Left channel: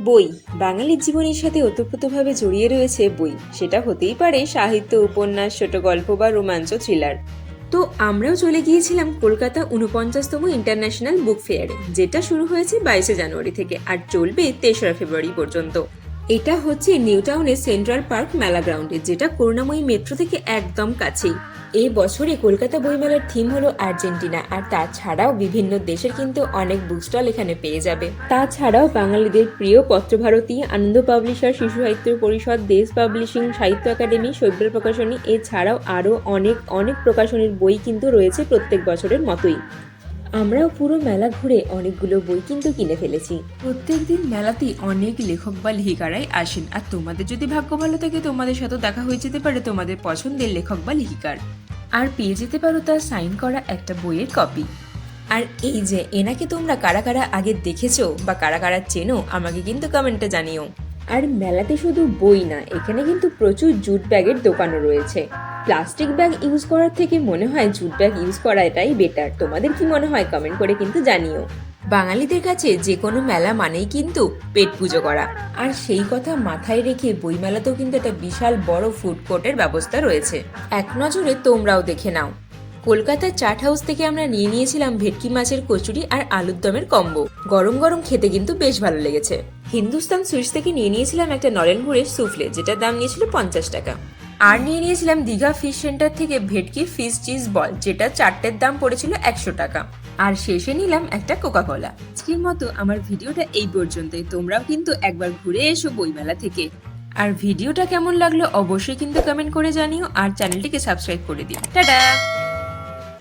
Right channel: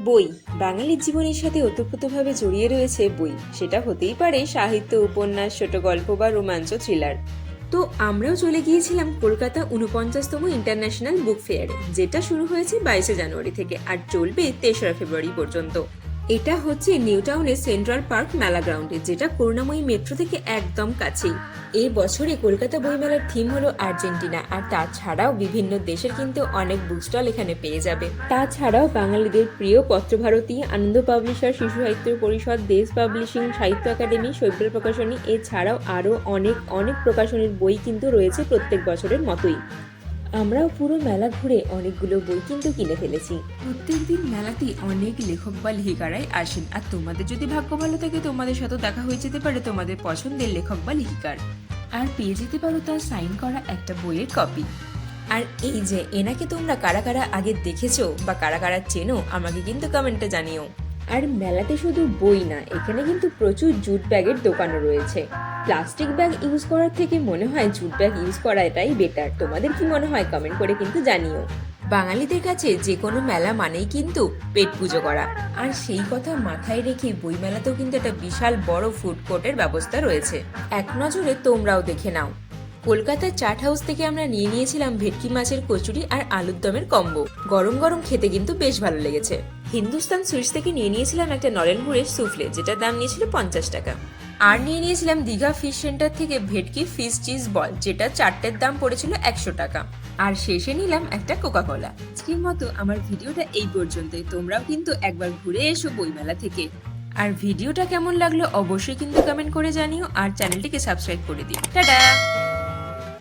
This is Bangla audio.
বই বাঙালির জীবনের সাথে ওতপ্রোতভাবে জড়িয়ে রয়েছে বই। সেটা হতেই পারে সাহিত্য, উপন্যাস, ছোট গল্প বা রোমাঞ্চ, থ্রিলার। তো আমরাও চলে গিয়েছিলাম কলকাতা ৪৯তম ইন্টারন্যাশনাল বুক ফেয়ারে, যেটা শুরু হয়েছে ২২শে জানুয়ারি থেকে আর চলবে ৩রা ফেব্রুয়ারি পর্যন্ত। এটা হচ্ছে নিউ টাউনের সেন্ট্রাল পার্ক মেলা গ্রাউন্ডে, যেটা করুণাময়ী মেট্রো থেকে একদম কাছেই। এই বছরে কলকাতা বইমেলার থিম হলো আর্জেন্টিনা, আর তাছাড়াও বিভিন্ন দেশের কিন্তু অনেক বুক স্টল এখানে পেয়ে যাবে। তাছাড়াও বাঙালিদের প্রিয় পত্রভারতী, আনন্দ পাবলিশার, শিশু সাহিত্য পরিষদ, দেশ পাবলিশিং, সাহিত্য একাডেমি, শৈব্যের প্রকাশনী, এছাড়াও আরও অনেক অনেক প্রকাশনীর বই কিন্তু রয়েছে প্রত্যেক বছরের মতোই। আমরাও পুরো মেলা ঘুরে অনেকগুলো বই কিন্তু কিনে ফেলেছি। প্রত্যেকদিন মেলাতেই অনেক লেখক বা লেখিকারাই আসেন, আর তোমাদের যদি ভাগ্য ভালো থাকে তোমাদের সাথে দেখা হয়ে যেতে পারে তোমাদের পছন্দের লেখক বা লেখিকার, আর পেয়ে যেতে পারো তার সাইন করা একটা বইয়ের কপি। আর এই যে এনাকে তোমরা কারা কারা আগে দেখেছো বা কারা কারা চেনো, আমাকে কিন্তু কমেন্টে জানিও। আর মেলাতে শুধু বই না, এখানে কিন্তু প্রচুর জুট ব্যাগের দোকানও রয়েছে। প্লাস্টিক ব্যাগ ইউজ করার থেকে মনে হয় জুট ব্যাগ ইউজ করা এটাই বেটার। তোমাদের কি মনে হয় কমেন্ট করে কিন্তু জানিও। বাঙালিদের কাছে যে কোনো মেলা মানেই কিন্তু পেট পুজো করা, আর সেই কথা মাথায় রেখে বইমেলাতেও কিন্তু একটা বিশাল বড় ফুড কোর্টের ব্যবস্থা রয়েছে। এক নজরে তোমরাও দেখে নাও। কলকাতার চাট হাউস থেকে আমরা নিয়ে নিয়েছিলাম ভেটকি মাছের কচুরি আর আলুর দমের কম্বো। গরম গরম খেতে কিন্তু বেশ ভালো লেগেছে। হিন্দুস্তান সুইটস থেকে নিয়ে নিয়েছিলাম একটা নরেন গুড়ের সুফলে, যেটার দাম নিয়েছিল ৫০ টাকা। আর নিয়ে নিয়েছিলাম দীঘা ফিশ সেন্টার থেকে ভেটকি ফিশ চিজ বল, যেটা 4টের দাম পড়েছিল ১০০ টাকা। আর শেষে নিলাম একটা কোকা-কোলা। আজকের মতো আমার ভিডিওটা এই পর্যন্তই। তোমরাও কিন্তু একবার ঘুরে এসো বইমেলা থেকে। আর ভিডিওটা কেমন লাগলো অবশ্যই কিন্তু কমেন্ট করে জানিও, আর চ্যানেলটিকে সাবস্ক্রাইব করে দিও। টাটা।